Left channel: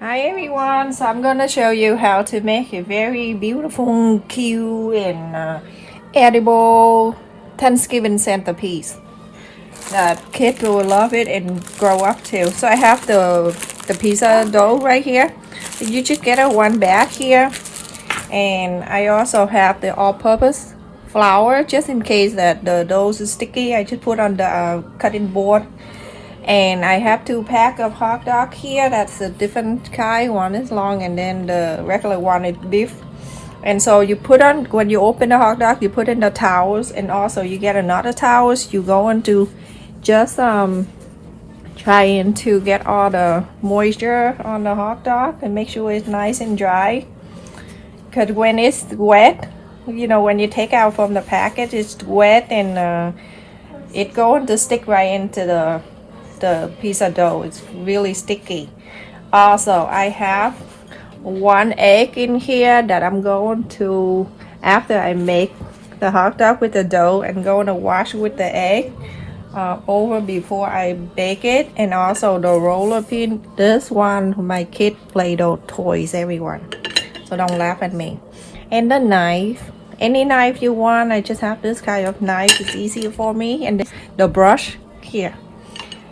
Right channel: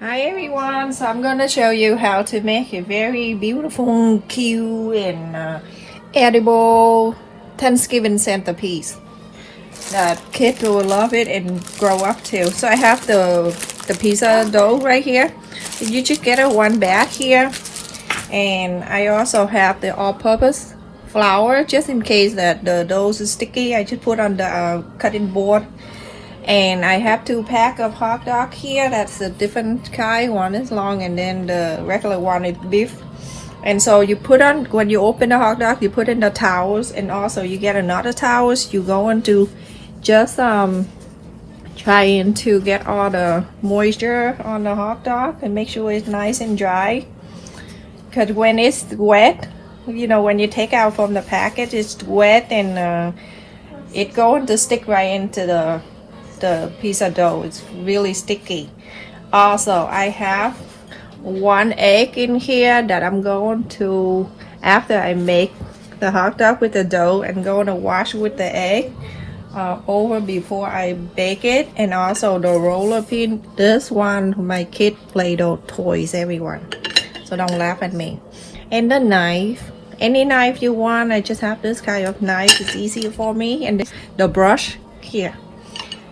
Hi everyone, so I'm gonna show you how to make a very beautiful, cute and edible Thanksgiving centerpiece that kids will love it and grow up to. So I have the pizza dough right here. You just get a one bag here, and I also have the all-purpose flour just in case that the dough is sticky. I just put on the cutting board. And I have 2 packs of hot dog here. That's a different kind. One is long and then the regular one is beef. And so you put on, when you open the hot dog, you put in the towels, and also you get another towels. You go into just trying to get all the moisture on the hot dog and make sure it's nice and dry. Because when it's wet, when you take out from the packet, it's wet and it's going to stick right into the pizza dough. It's really sticky. Also, I have 1 egg in here that I'm going to, after I make the hot dog with the dough, I'm going to wash with the egg over before I bake it. And also the roller pin, this one my kid Play-Doh toys, everyone, so don't laugh at me. And the knife, any knife you want. I just have this kind of knife, it's easier for me. And the brush here.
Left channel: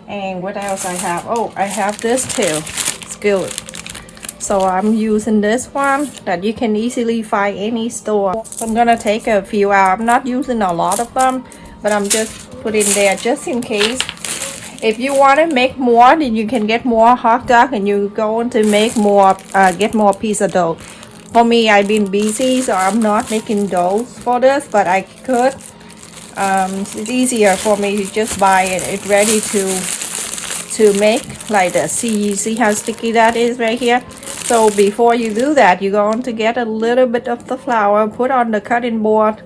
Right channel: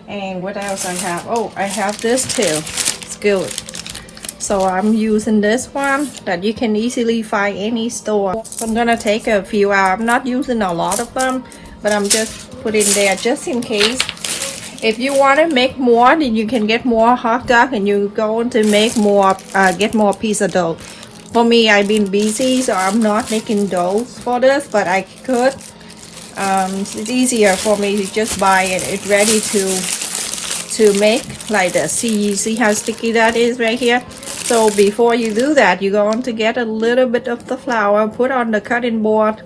And what else I have? Oh, I have this too, skillet. So I'm using this one that you can easily find any store. So I'm gonna take a few out. I'm not using a lot of them, but I'm just putting there just in case. If you want to make more, then you can get more hot dog and you're going to make more, get more pizza dough. For me, I've been busy, so I'm not making dough for this, but I could. It's easier for me to just buy it. It's ready to make like this. See how sticky that is right here. So before you do that, you're going to get a little bit of the flour, put on the cutting board.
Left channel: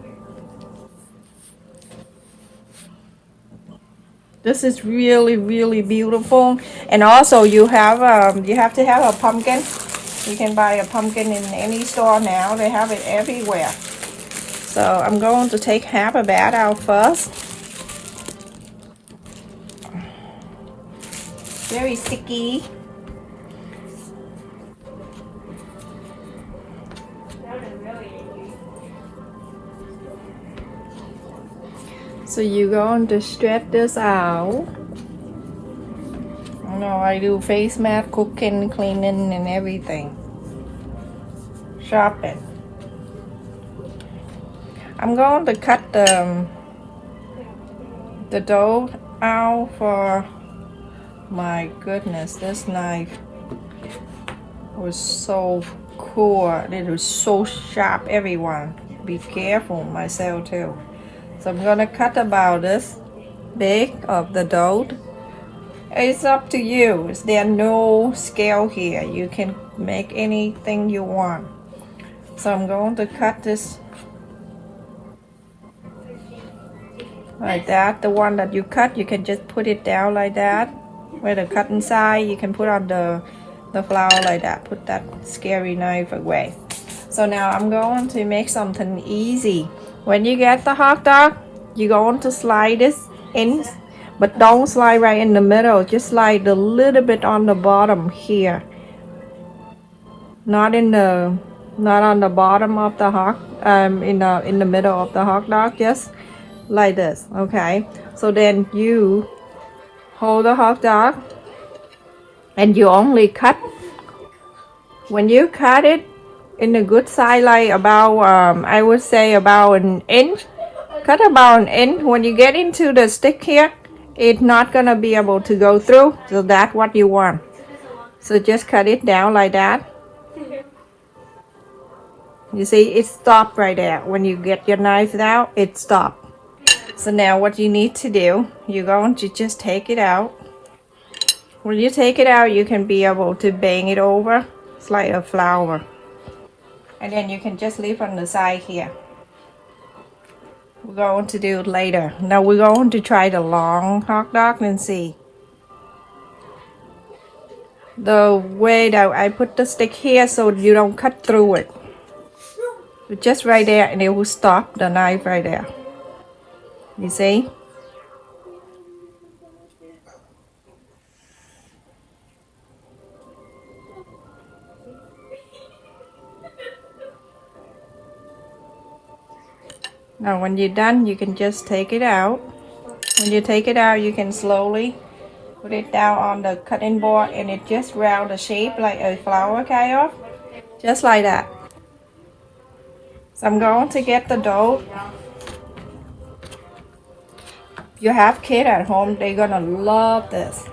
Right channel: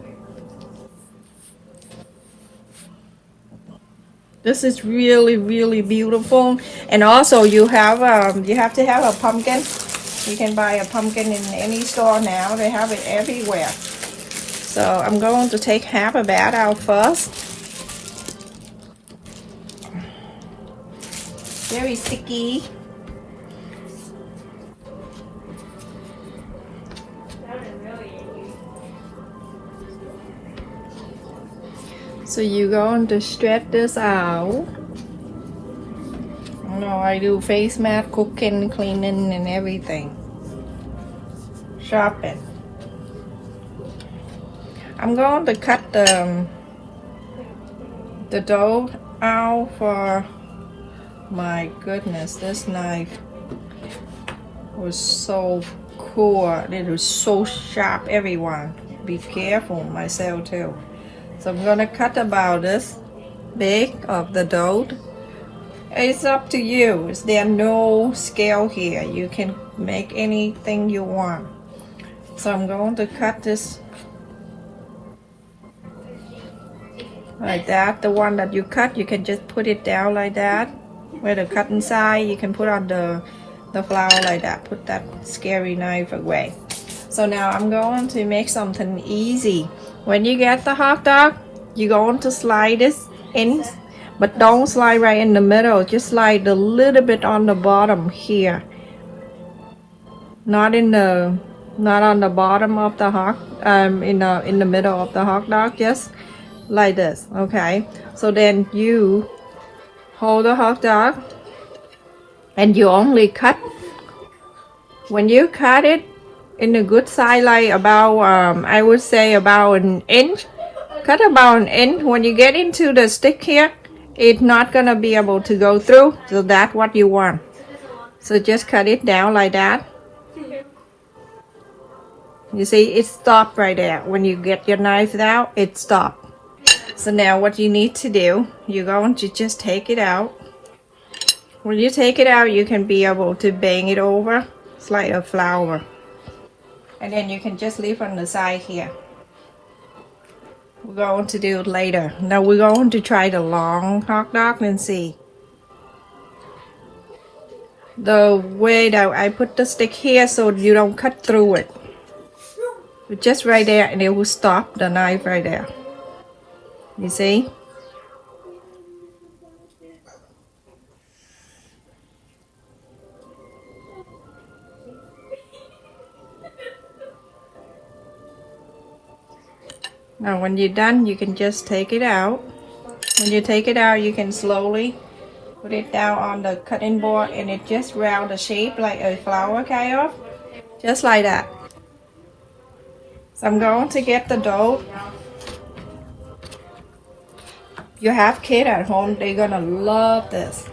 This is really beautiful. And also you have to have a pumpkin. You can buy a pumpkin in any store now. They have it everywhere. So I'm going to take half of that out first. Very sticky. So you're going to stretch this out. I do face mask, cooking, cleaning, and everything. Shopping. I'm going to cut the dough out for, my goodness, this knife was so cool. It was so sharp, everyone. Be careful, myself too. So I'm gonna cut about this big of the dough. It's up to you. There's no scale here. You can make anything you want. So I'm going to cut this like that. The one that you cut, you can just put it down like that. Where the cutting side, you can put on the flour like that. Put that scary knife away. So now I'm going to make something easy. When you get the hot dog, you're going to slide this in, but don't slide right in the middle. Just slide a little bit on the bottom here. Not on the bottom of the hot, in the middle of the hot dog. Just like this, okay? So then you hold the hot dog, and you only cut. When you cut it in a good size, like about I would say about an inch. Cut about an inch. When you get into the stick here, it's not gonna be able to go through. So that's what you want. So just cut it down like that. You see, it stopped right there. When you get your knife out, it stopped. So now what you need to do, you're going to just take it out. When you take it out, you can be able to bang it over. It's like a flour. And then you can just leave on the side here. We're going to do it later. Now we're going to try the long hot dog and see. The way that I put the stick here so you don't cut through it. Just right there, and it will stop the knife right there. You see? Now when you're done, you can just take it out. When you take it out, you can slowly put it down on the cutting board, and it just round the shape like a flower kind of, just like that. So I'm going to get the dough. If you have kids at home, they're gonna love this.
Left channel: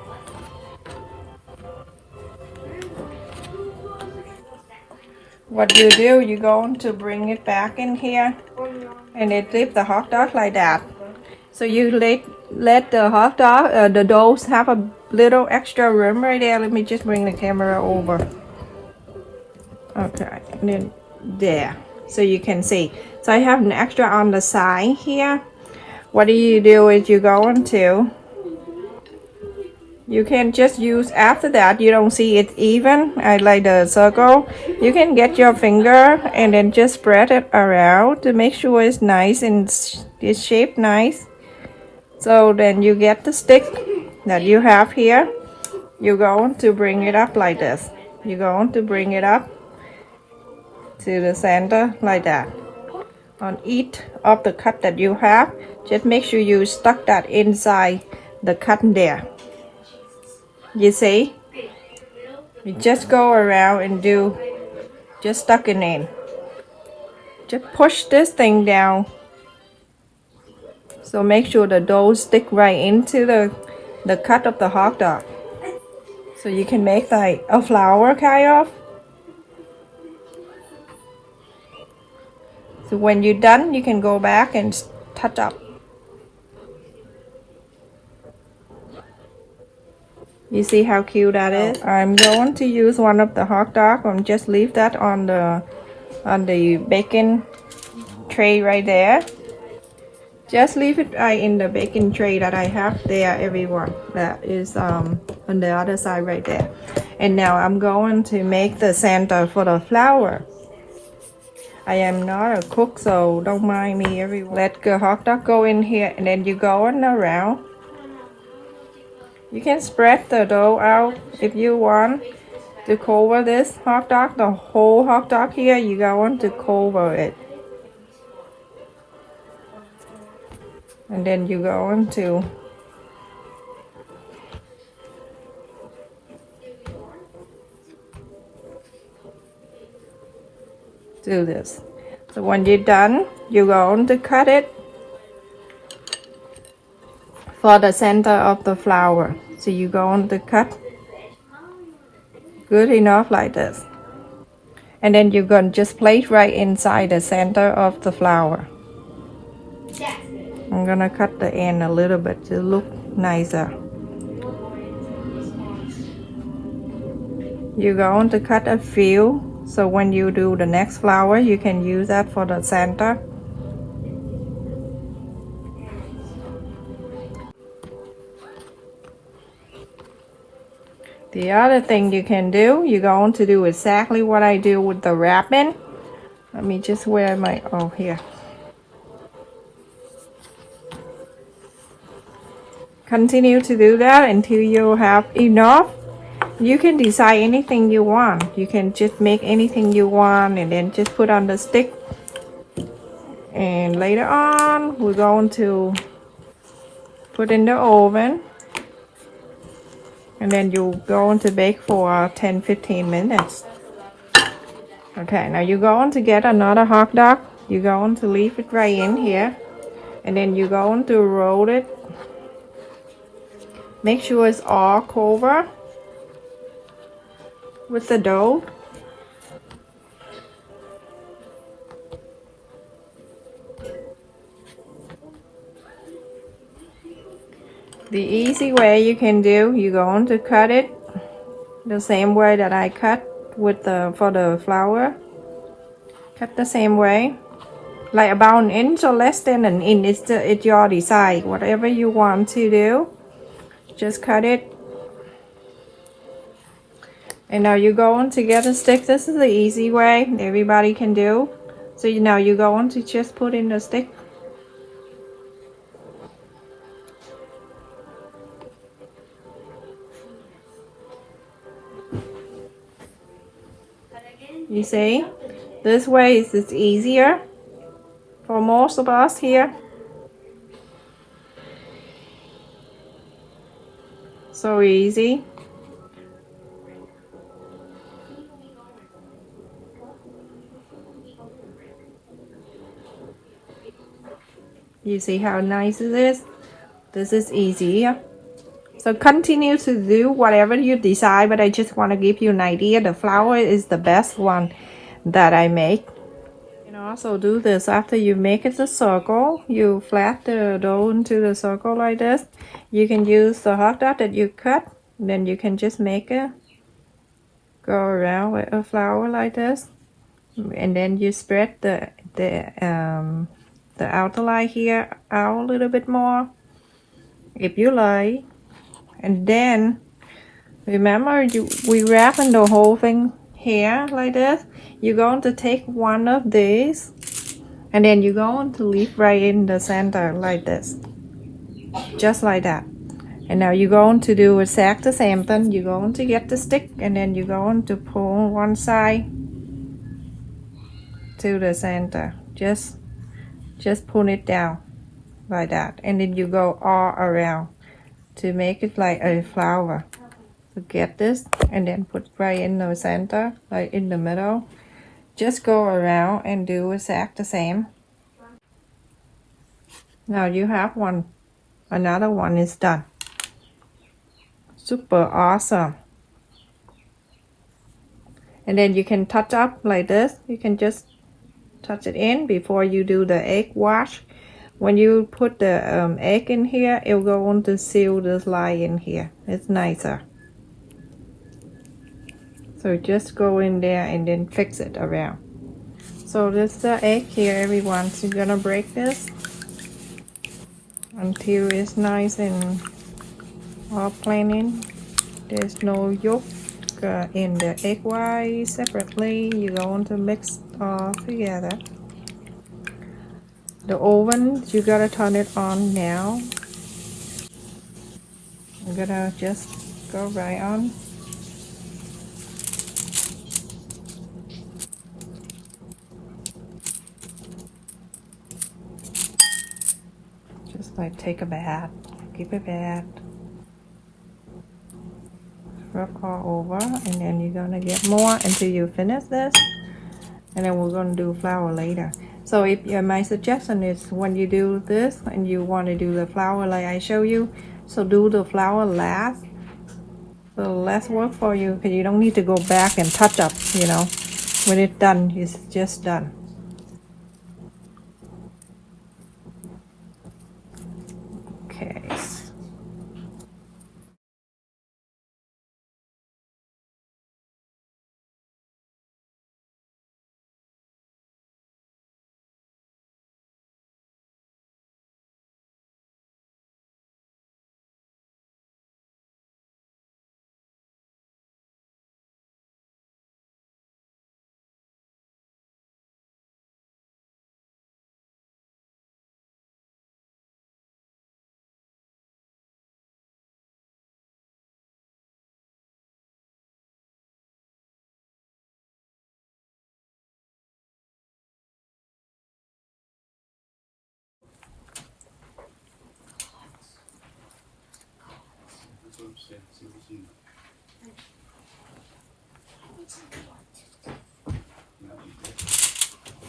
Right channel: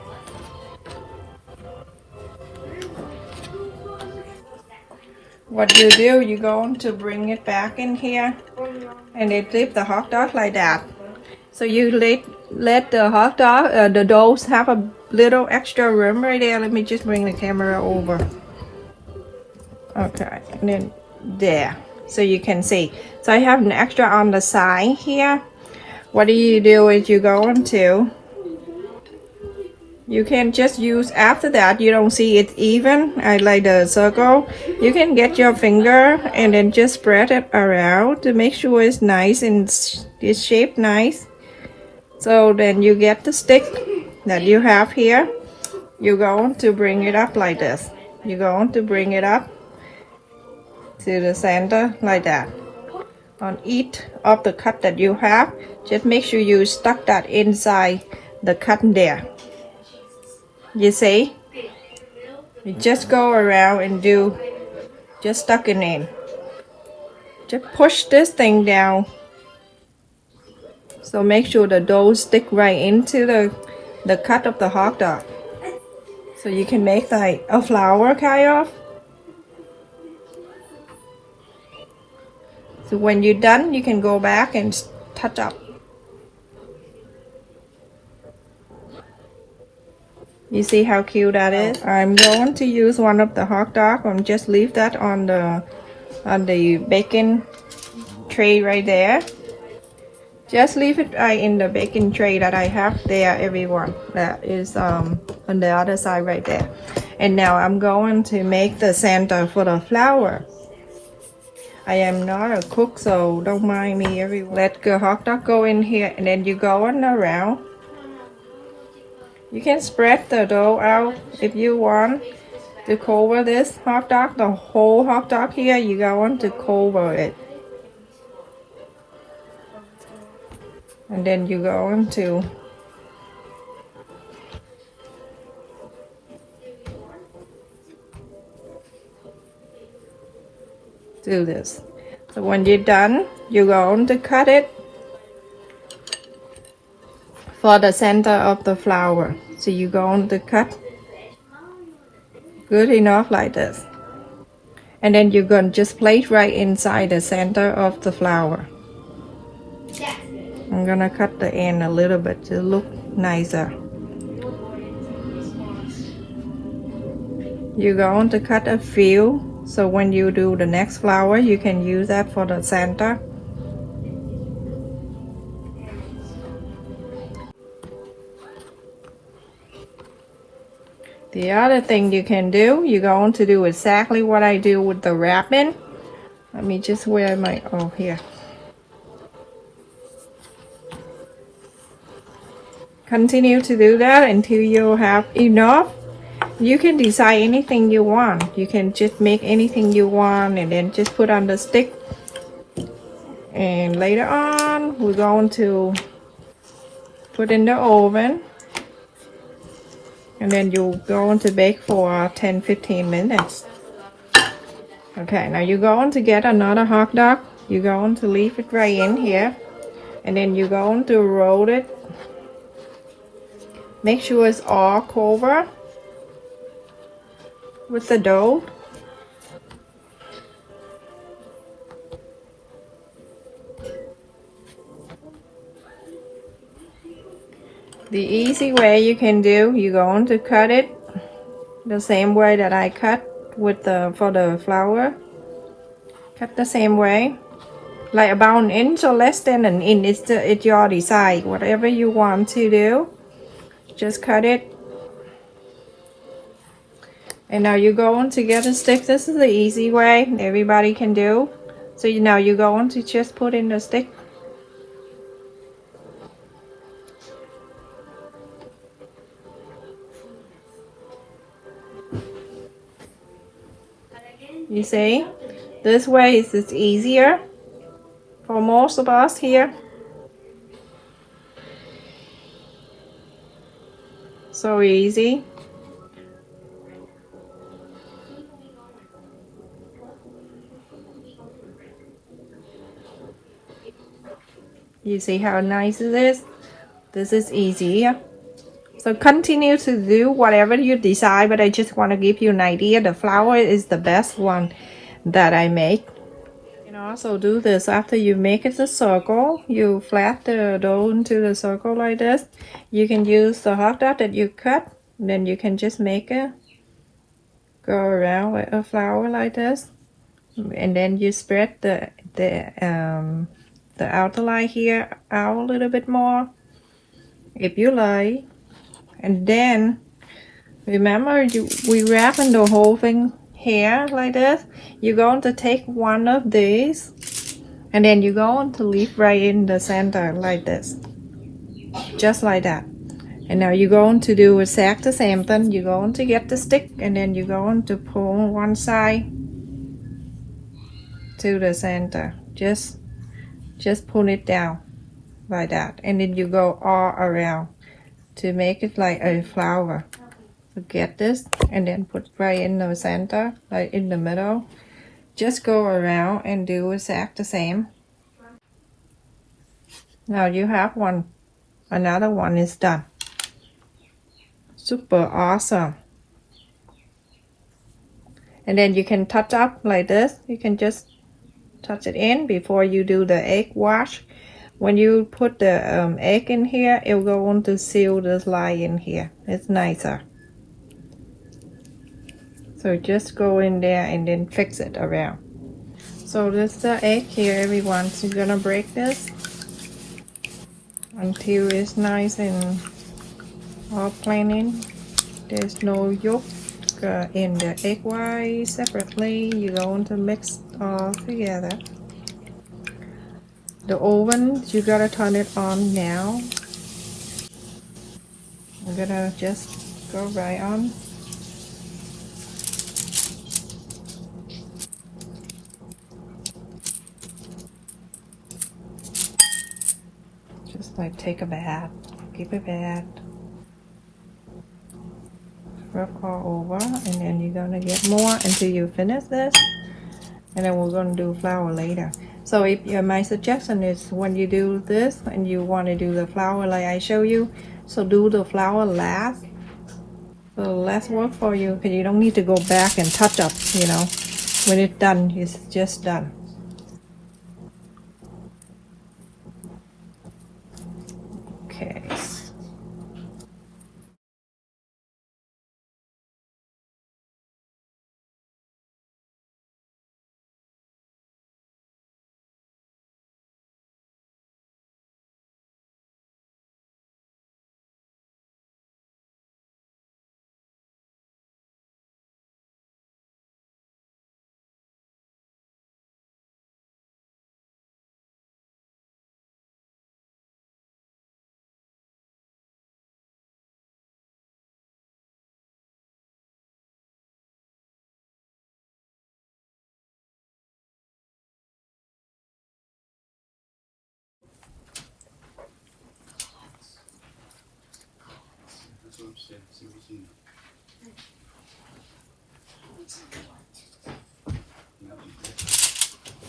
What you do, you're going to bring it back in here, and it leave the hot dog like that. So you let the hot dog, the doughs have a little extra room right there. Let me just bring the camera over. Okay, and then there, so you can see. So I have an extra on the side here. What do is you're going to, you can just use, after that you don't see it even, I like the circle, you can get your finger and then just spread it around to make sure it's nice and it's shaped nice. So then you get the stick that you have here, you're going to bring it up like this. You're going to bring it up to the center like that. On each of the cut that you have, just make sure you stuck that inside the cut there. You see? You just go around and do, just stuck it in. Just push this thing down. So make sure the dough stick right into the cut of the hot dog. So you can make like a flower kind of. So when you're done, you can go back and touch up. You see how cute that is? I'm going to use one of the hot dog and just leave that on the baking tray right there. Just leave it in the baking tray that I have there, everyone. That is on the other side right there. And now I'm going to make the center for the flower. I am not a cook, so don't mind me, everyone. Let the hot dog go in here, and then you go on around. You can spread the dough out if you want to cover this hot dog, the whole hot dog here, you want to cover it. And then you go on to do this. So when you're done, you're going to cut it for the center of the flower. So you're going to cut good enough like this. And then you're going to just place right inside the center of the flower. I'm gonna cut the end a little bit to look nicer. You're going to cut a few, so when you do the next flower, you can use that for the center. The other thing you can do, you're going to do exactly what I do with the wrapping. Let me just wear my, oh, here. Continue to do that until you have enough. You can decide anything you want. You can just make anything you want and then just put on the stick. And later on, we're going to put in the oven. And then you're going to bake for 10-15 minutes. Okay, now you're going to get another hot dog. You're going to leave it right in here. And then you're going to roll it. Make sure it's all covered with the dough. The easy way you can do, you're going to cut it the same way that I cut with for the flower. Cut the same way, like about an inch or less than an inch. It's your decide. Whatever you want to do, just cut it. And now you're going to get a stick. This is the easy way everybody can do. So now you're going to just put in the stick. You see, this way is easier for most of us here. So easy. You see how nice it is? This is easy. So continue to do whatever you decide, but I just want to give you an idea. The flower is the best one that I make. You can also do this after you make it a circle. You flat the dough into the circle like this. You can use the hot dog that you cut. Then you can just make it go around with a flower like this. And then you spread the outer line here out a little bit more, if you like. And then remember, we wrapping the whole thing here like this. You're going to take one of these, and then you're going to leave right in the center like this, just like that. And now you're going to do exact the same thing. You're going to get the stick, and then you're going to pull one side to the center. Just pull it down like that, and then you go all around to make it like a flower. So get this and then put right in the center, like in the middle. Just go around and do exact the same. Now you have one. Another one is done. Super awesome. And then you can touch up like this. You can just touch it in before you do the egg wash. When you put the egg in here, it'll go on to seal this line in here. It's nicer. So just go in there and then fix it around. So this is the egg here, everyone. So you're gonna break this until it's nice and all plain. There's no yolk in the egg white separately. You're going to mix all together. The oven, you gotta turn it on now. I'm gonna just go right on. Just like take a bath, give a bath, rub all over, and then you're gonna get more until you finish this, and then we're gonna do flour later. So if my suggestion is when you do this and you want to do the flour like I show you, so do the flour last. So less work for you, because you don't need to go back and touch up, you know. When it's done, it's just done. Okay.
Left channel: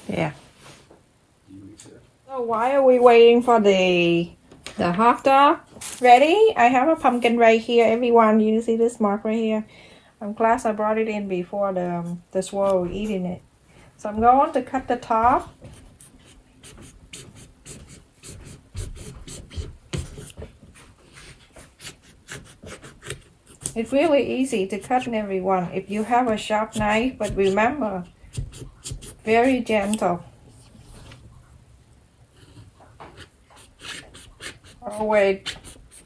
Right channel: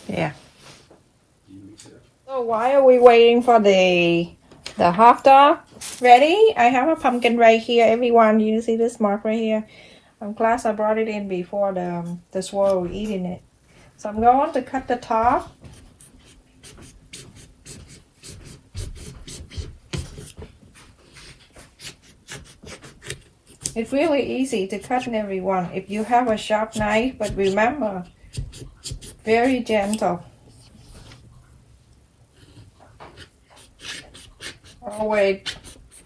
Yeah. So why are we waiting for the hot dog ready? I have a pumpkin right here, everyone. You see this mark right here? I'm glad I brought it in before the swirl eating it. So I'm going to cut the top. It's really easy to cut, everyone, if you have a sharp knife, but remember, very gentle. Always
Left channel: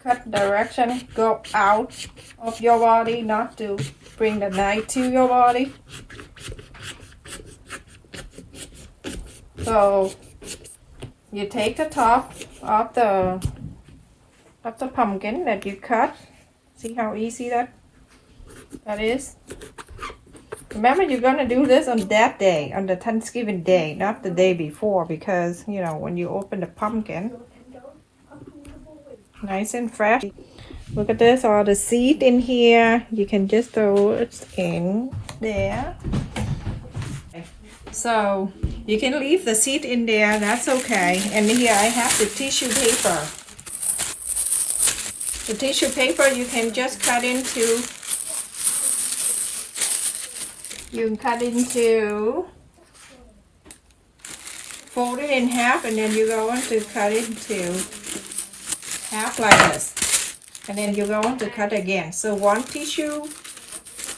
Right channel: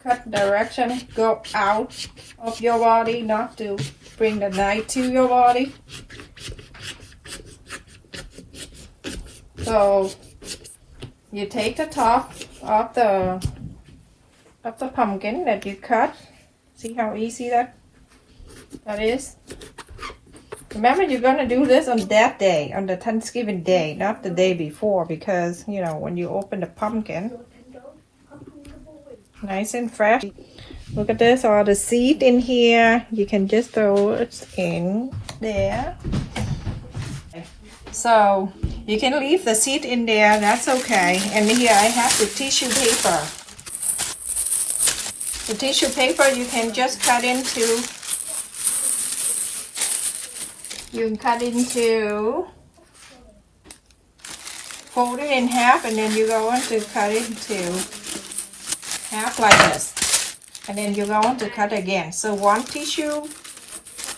cut direction, go out of your body, not to bring the knife to your body. So you take the top of the pumpkin that you cut. See how easy that is? Remember, you're gonna do this on that day, on the Thanksgiving day, not the day before, because you know when you open the pumpkin, nice and fresh. Look at this, all the seed in here. You can just throw it in there. So you can leave the seed in there, that's okay. And here I have the tissue paper. The tissue paper you can just cut into, fold it in half, and then you're going to cut it into half like this. And then you're going to cut again. So one tissue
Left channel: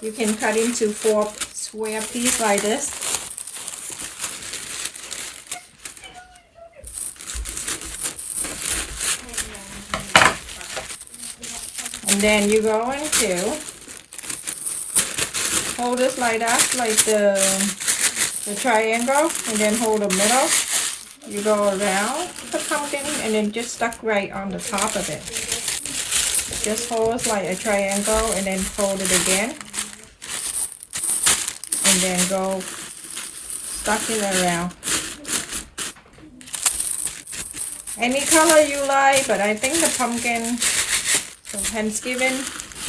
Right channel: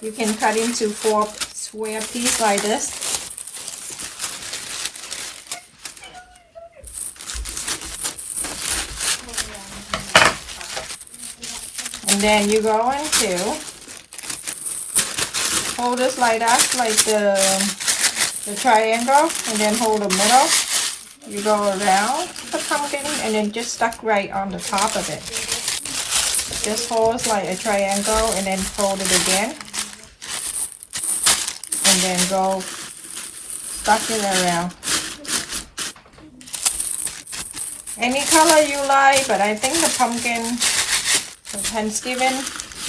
you can cut into 4 square pieces like this. And then you're going to hold this like that, like the triangle, and then hold the middle. You go around the pumpkin and then just stuck right on the top of it. Just hold it like a triangle and then fold it again. And then go stuck it around. Any color you like, but I think the pumpkin for Thanksgiving,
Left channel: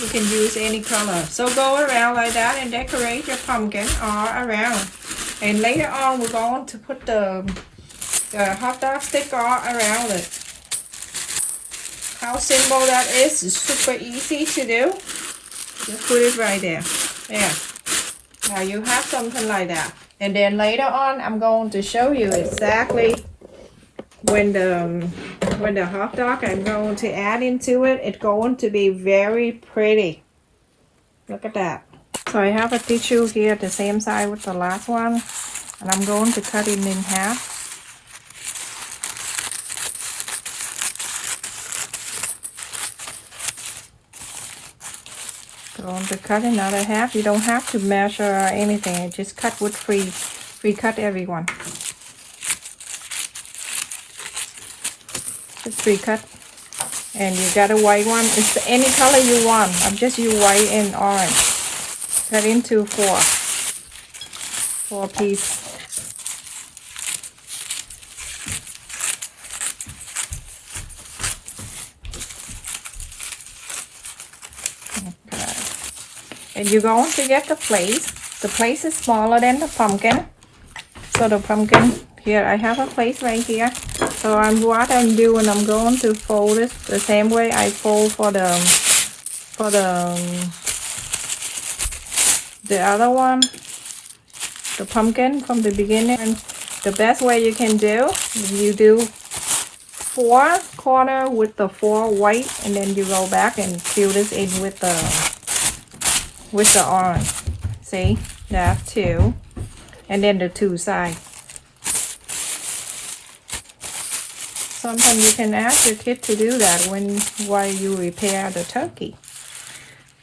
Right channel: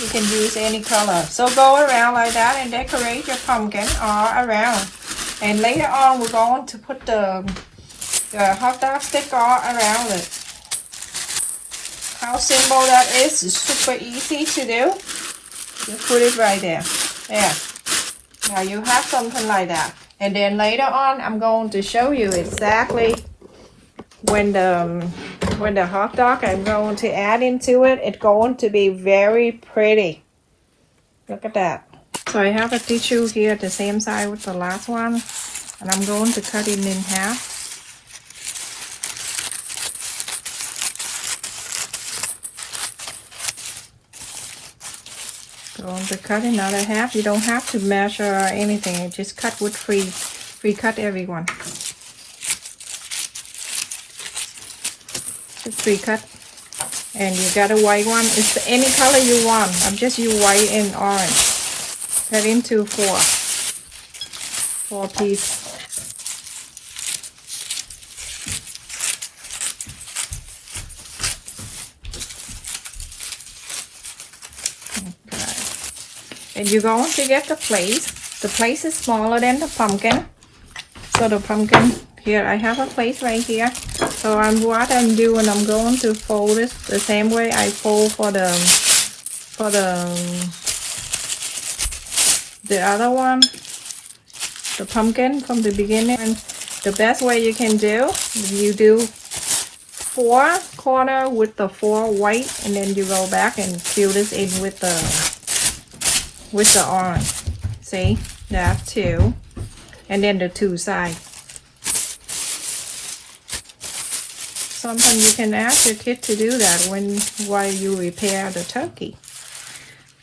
you can use any color. So go around like that and decorate your pumpkin all around. And later on, we're going to put the hot dog stick all around it. How simple that is. It's super easy to do. Just put it right there. There. Now you have something like that. And then later on, I'm going to show you exactly when the hot dog I'm going to add into it. It's going to be very pretty. Look at that. So I have a tissue here at the same side with the last one. And I'm going to cut it in half. Going to cut another half. You don't have to measure or anything. Just cut with free cut, everyone. Just free cut. And you got a white one. It's any color you want. I'm just use white and orange. Cut into 4 pieces. And you're going to get the plate. The plate is smaller than the pumpkin. So the pumpkin, here I have a plate right here. So what I'm doing, I'm going to fold it the same way I fold for the other one, the pumpkin from the beginning. And the best way you can do, you do 4 corner with the 4 white, and then you go back and fill this in with the orange. See, that 2, and then the 2 sides. Sometimes you can ask your kid to do that while you prepare the turkey.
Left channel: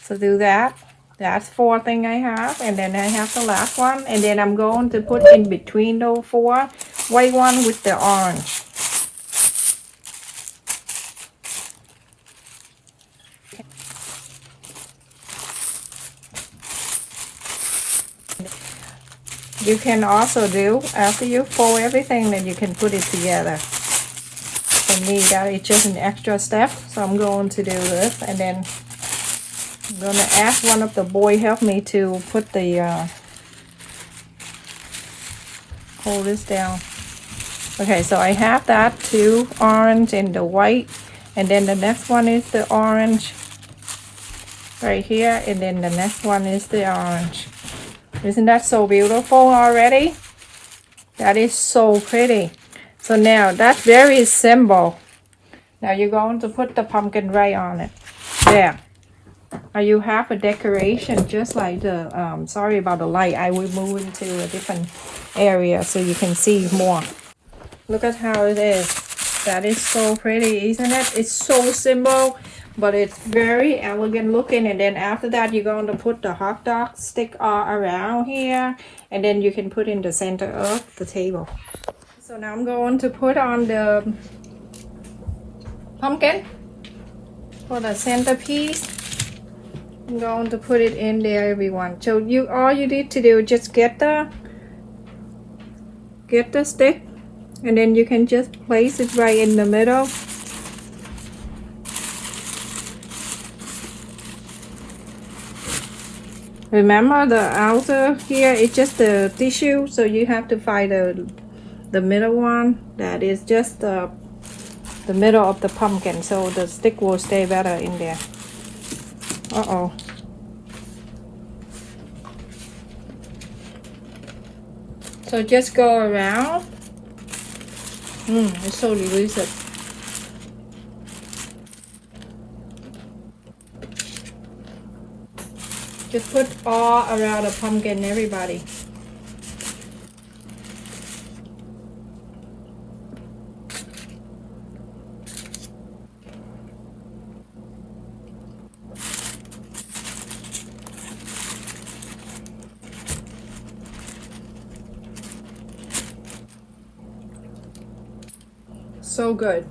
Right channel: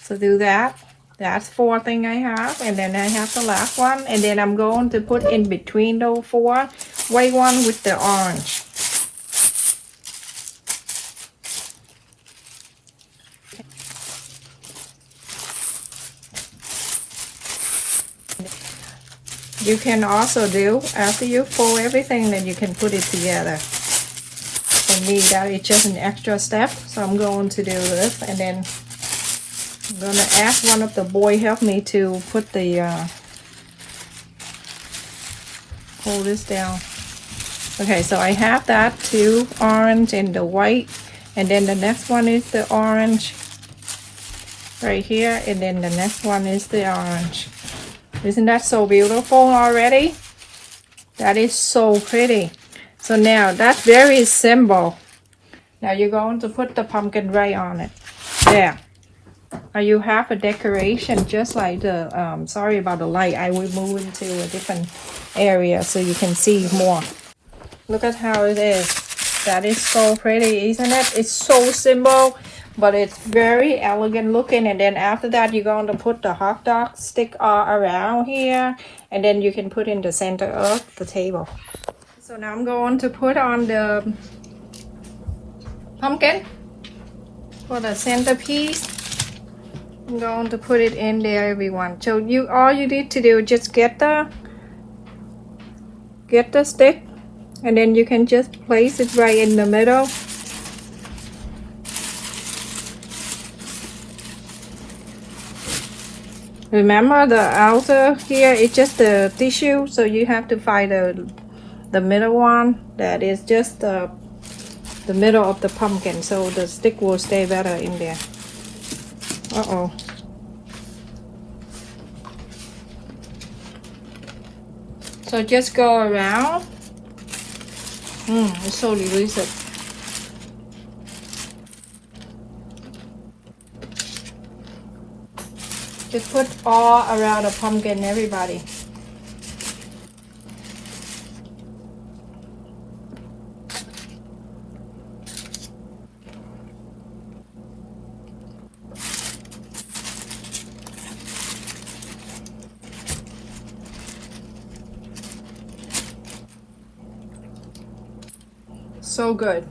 So do that. That's 4 things I have, and then I have the last one, and then I'm going to put in between those 4 white one with the orange. You can also do, after you fold everything, then you can put it together. For me, that is just an extra step, so I'm going to do this, and then I'm going to ask one of the boys help me to put the, hold this down. Okay, so I have that 2 orange and the white, and then the next one is the orange right here, and then the next one is the orange. Isn't that so beautiful already? That is so pretty. So now that's very simple. Now you're going to put the pumpkin right on it. There. Now you have a decoration just like the, sorry about the light. I will move into a different area so you can see more. Look at how it is. That is so pretty, isn't it? It's so simple, but it's very elegant looking. And then after that, you're going to put the hot dog stick all around here, and then you can put in the center of the table. So now I'm going to put on the pumpkin for the centerpiece. I'm going to put it in there, everyone. So all you need to do is just get the stick, and then you can just place it right in the middle. Remember, the outer here is just the tissue, so you have to find the middle one that is just the middle of the pumpkin, so the stick will stay better in there. Uh-oh. So just go around. It's so delicious. Just put all around the pumpkin, everybody. So good.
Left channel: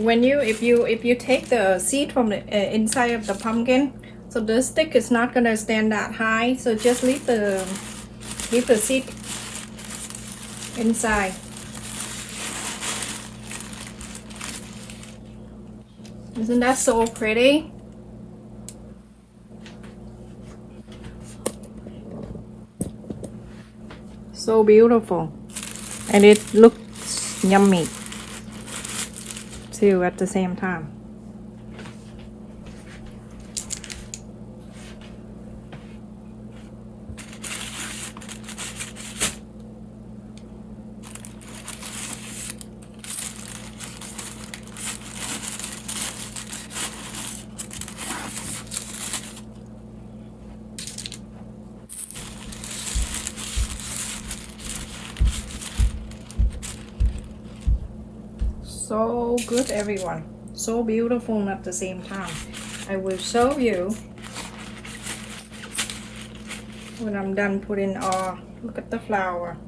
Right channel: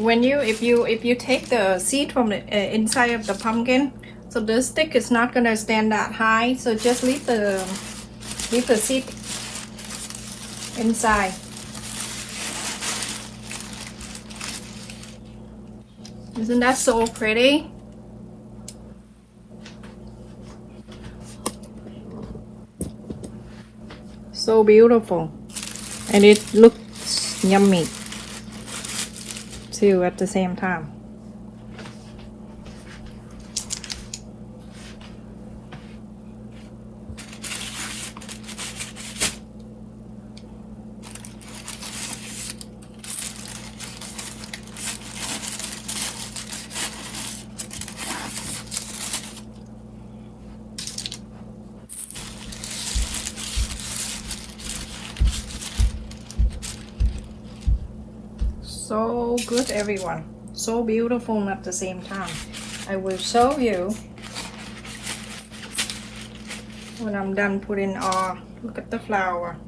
If you take the seed from the inside of the pumpkin, so the stick is not gonna stand that high. So just leave the seed inside. Isn't that so pretty? So beautiful, and it looks yummy too at the same time. So good, everyone. So beautiful at the same time. I will show you when I'm done putting all. Look at the flower.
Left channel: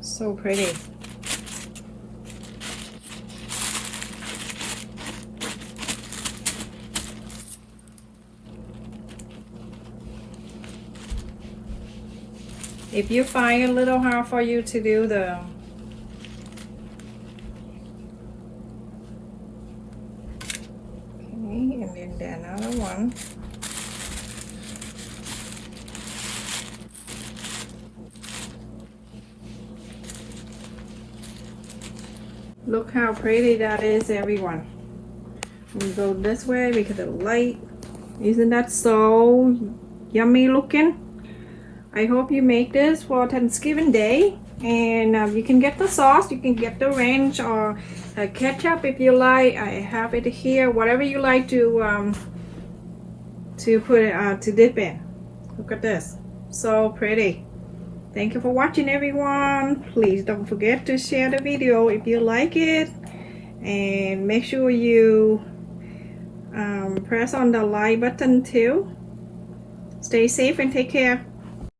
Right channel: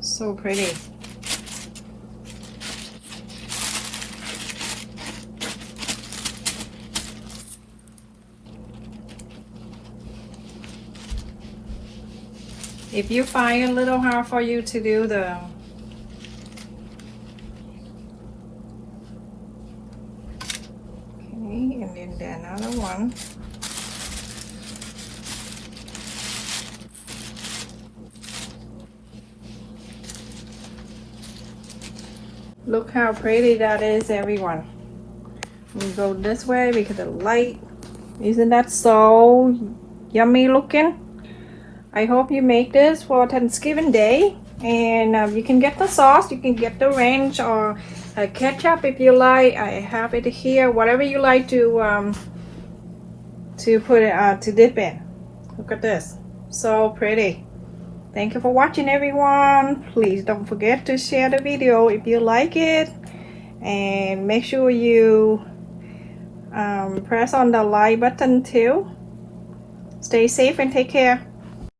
So pretty. If you find a little hard for you to do the and then another one. Look how pretty that is, everyone. We go this way because of the light. Isn't that so yummy looking? I hope you make this for Thanksgiving Day, and you can get the sauce, you can get the ranch or ketchup if you like. I have it here, whatever you like to put it to dip in. Look at this, so pretty. Thank you for watching, everyone. Please don't forget to share the video if you like it, and make sure you press on the like button too. Stay safe and take care.